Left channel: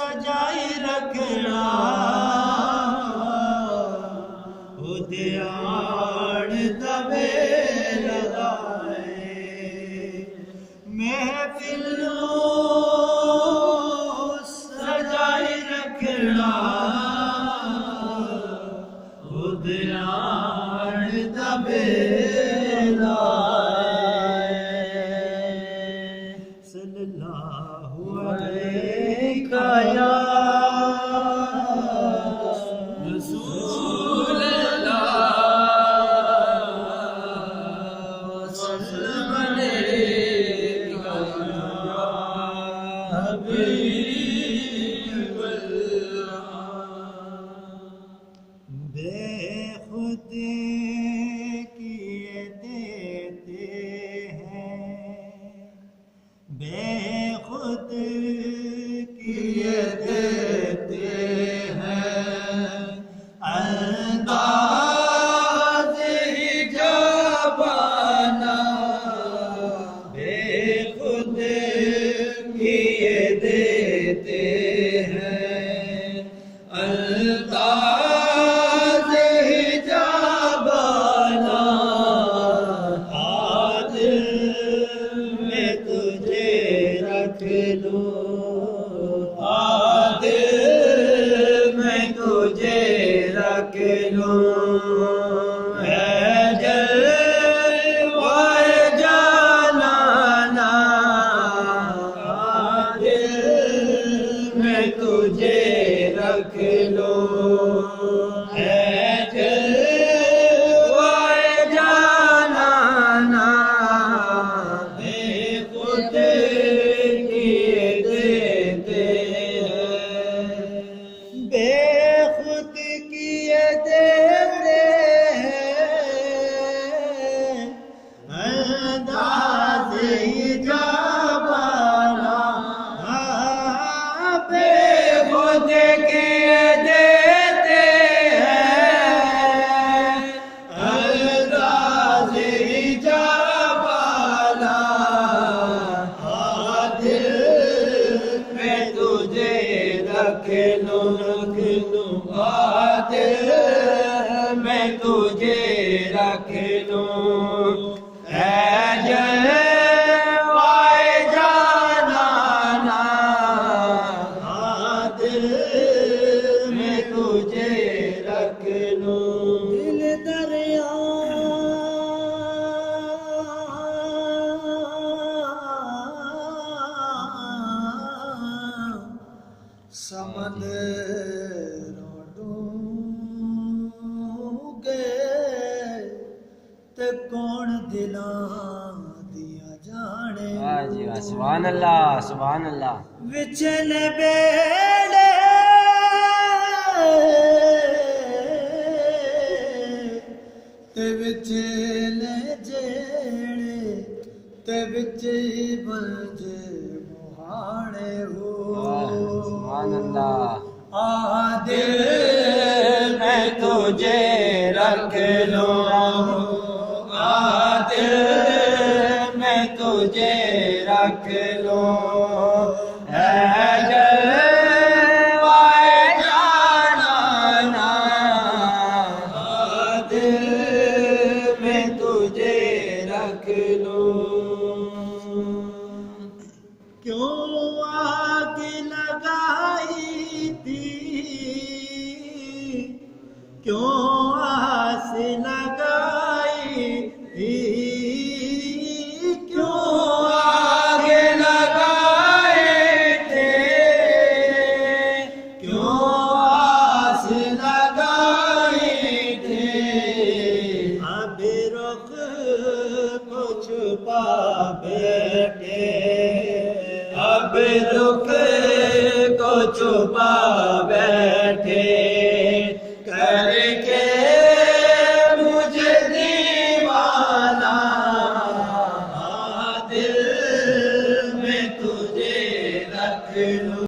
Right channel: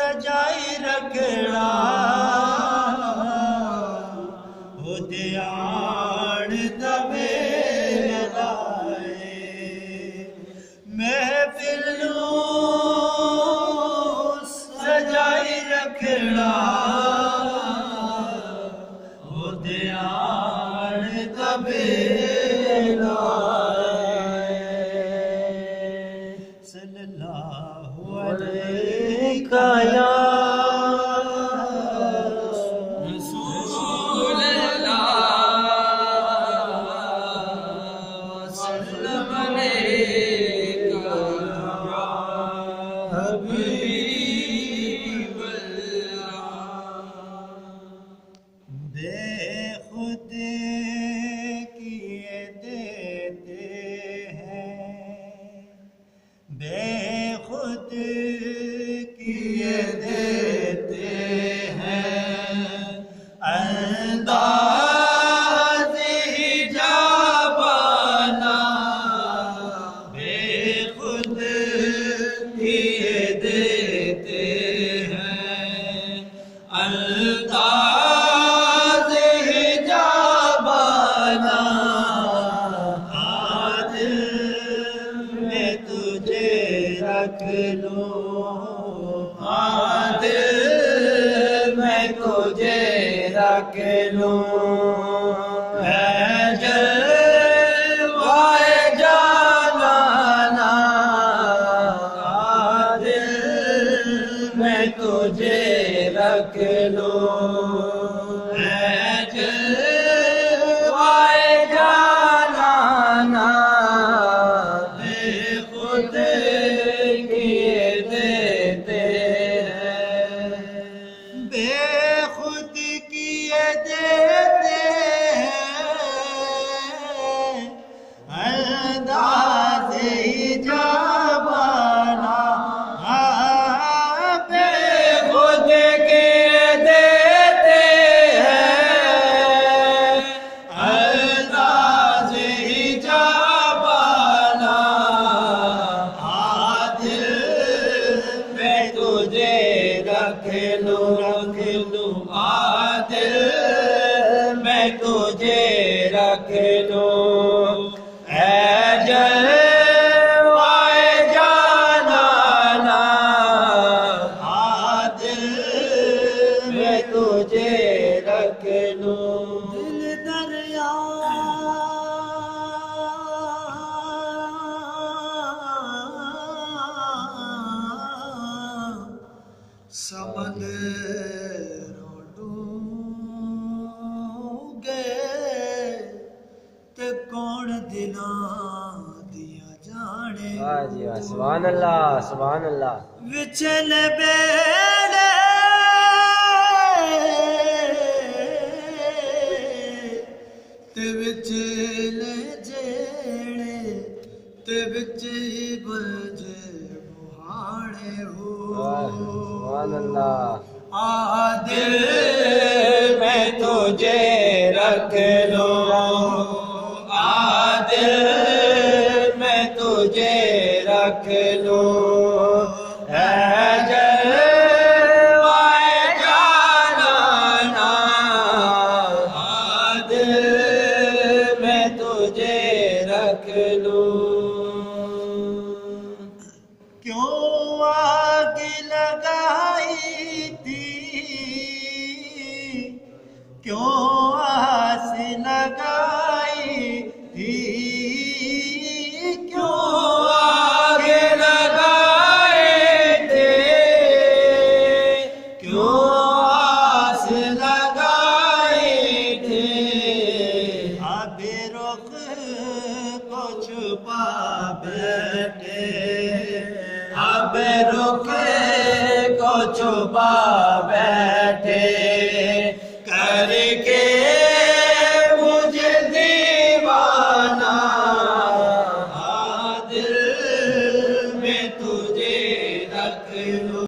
सजाई रखना हो ध्यान दबे लगाए महफिल सजाई रखना हो ध्यान दबे सल्लल्लाहु अलैका या रसूल अल्लाह सल्लल्लाहु अलैका या हबीब अल्लाह बेखुद किए देते बेखुद किए देते हैं अंदाज़ हिजाबाना बेखुद किए देते हैं अंदाज़ हिजाबाना रख लो दिल में तुझे रख लो जलवाए जाना दिल में तुझे रख लो जलवाए जाना खुद बेखुद किए देते हैं अंदाज़ हिजाबाना बेखुद किए देते हैं अंदाज़ हिजाबाना दिल में तुझे रख लो दिल में तुझे रख लो जलवाए जाना दिल में तुझे रख लो दिल दरिया समंदरों डूबे ते कौन दिलां दिया जाने वाह जी वाह सुभान अल्लाह सुभान अल्लाह विचल बेड़े ते विचले जेड़े ते विच बजे मुहाने हो सुभान अल्लाह दिल में तुझे रख लो दिल में तुझे रख लो जलवाए जाना दिल में तुझे रख लो क्यों आग लगाई थी क्यों आस लगाई थी क्यों आग लगाए थे क्यों आस लगाए थे अब रुख को छुपा बैठे अब रुख को छुपा बैठे